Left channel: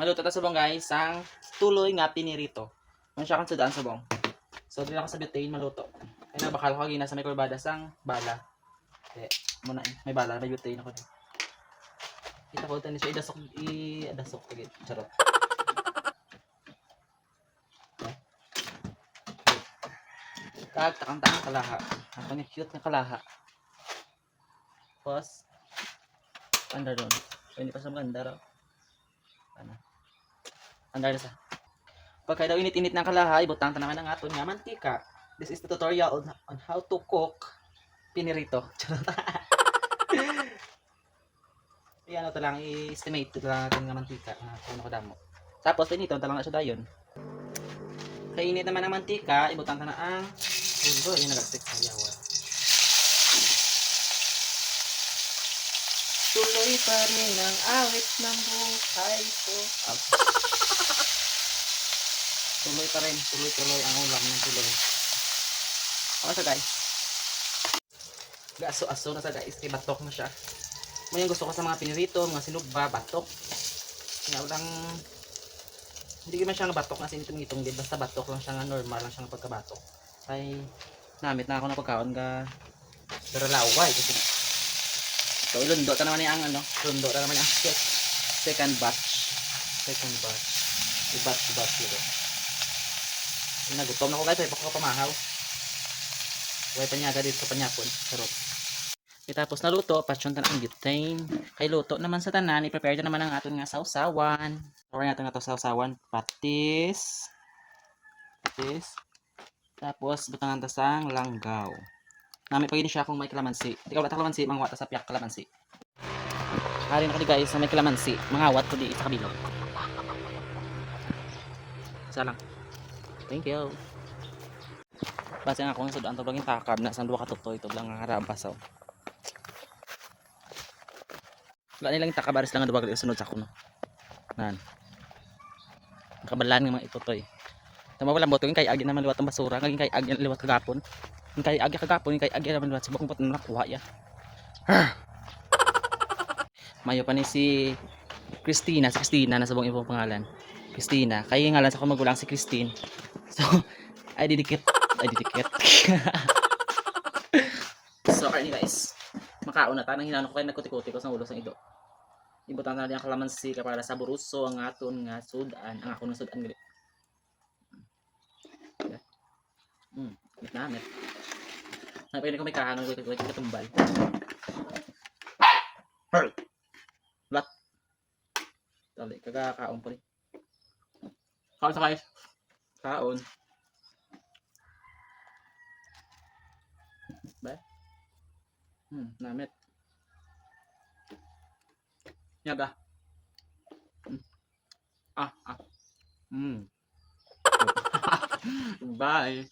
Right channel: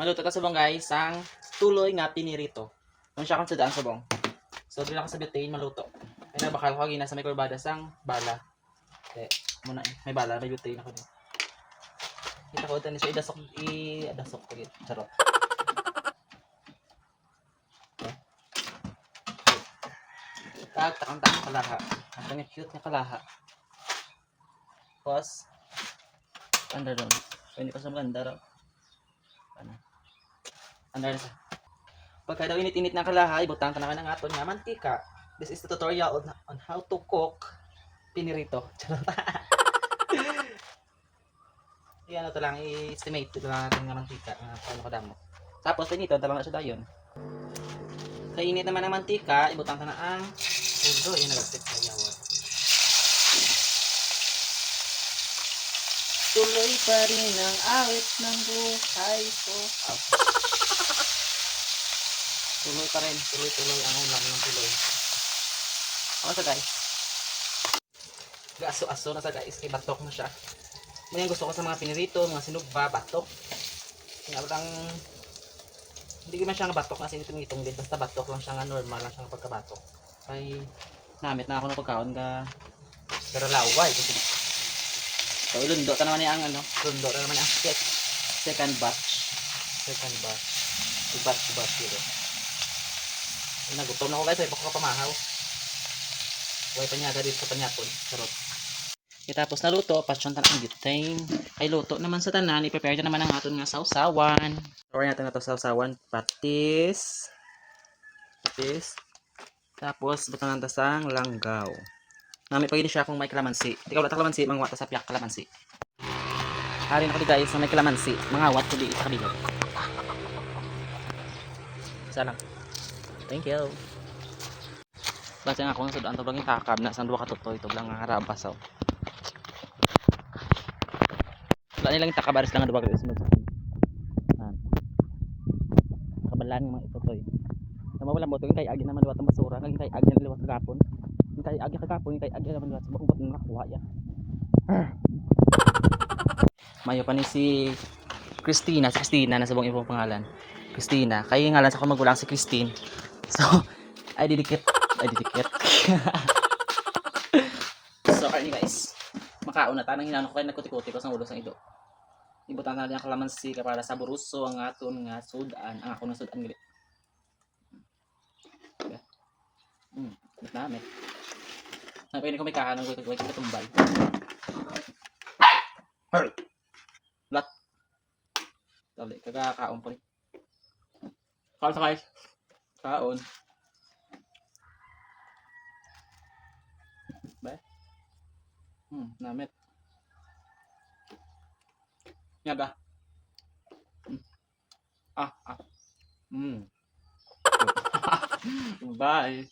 Maluto ta subong guys ang tuloy nga pinirito. Kung siya kang sudaan subong. So dili ako sa butane maluto. Ay nagbakal ko gina sa may kurbada sang bala. Okay, muna may bala, may butane ako din. Kita ko ito siya idasok ko gid. Charot. Okay. Takang kalaha. Ang cute na kalaha. Tapos anda doon. Hindi pa sa maganda raw. Ano? Anda na sa. Pagka daw init-init ng kalaha, ibutang ta naman ang aton nga mantika. This is the tutorial on how to cook pinirito. Iyan ito lang, i-estimate ito lang natin nga mantika. Ano kadamo. Tapos, pinito, talang na siya dayon. Kaya init naman ang mantika, ibutang ta na ang pundo. Yung nagagsit sa yawa. Tuloy pa rin ang awit ng buhay ko. Tuloy pa rin, tuloy-tuloy ang ulam ng tuloy. Ano sa guys? Aso-aso na sa guys, kay batok na siya. May gusto ko sa mga pinirito, mga sinugba, batok. Kaya lang, hindi naman siya nga batok na sinitong-itong din, basta batok lang siya nga, normal lang siya nga pagkabatok. Ay, namit na ako ng pagkaon ka, karalaway. So, lundo ka naman ang ano, lundo ka naman ang second batch. Second batch. I-batch dito. Nagutom na ako guys, ay baka pamahaw. Huwag panyaga dito sa panyapon. Sarap. Tapos naluto, pasyontan ang butane. Kay luto naman sa tanan, i-prepare na naman ang aton nga sausawan. Prepare natin na ito sausawan. Patis. Tapos, butang natin sang langgaw. Nami pag siya kung may kalamansi. Hindi ka wala kalamansi, mga wata sa piyak kalamansi. Hari na ko di guys na may kalamansi. Mga wat ko di sa kabilog. Isa lang. Thank you. Basta nga ako ng sudaan to lang yung takab na sandwa katutoy ito lang nga harabasaw. Wala nilang takabaris lang nga duwag isunod sa kuno. Nan. Kabalan nga mga itutoy. Tama wala boto yung kay agi naman liwat ang basura, ngaging kay agi liwat kagapon. Yung kay agi kagapon, yung kay agi naman liwat sa bakong bot na nakuha ya. Mayo pa ni si Christina na sabong ibang pangalan. Christina, kay ngalan sa akong magulang si Christine. So, ay didikit. So, kaya guys, makaon na tanang hinano ko kay nagkuti-kuti ko sa ulo sang ido. Ibutan na ang kalamansi para sa buruso ang aton nga sudan, ang ako ng sudan gali. Namit. Napili ko may kahanong ko tumbal. Hey. Lat. Dali kagakaon po rin. Kaon sa guys. Kaon. Ba? Namit. Nyaga. Bye.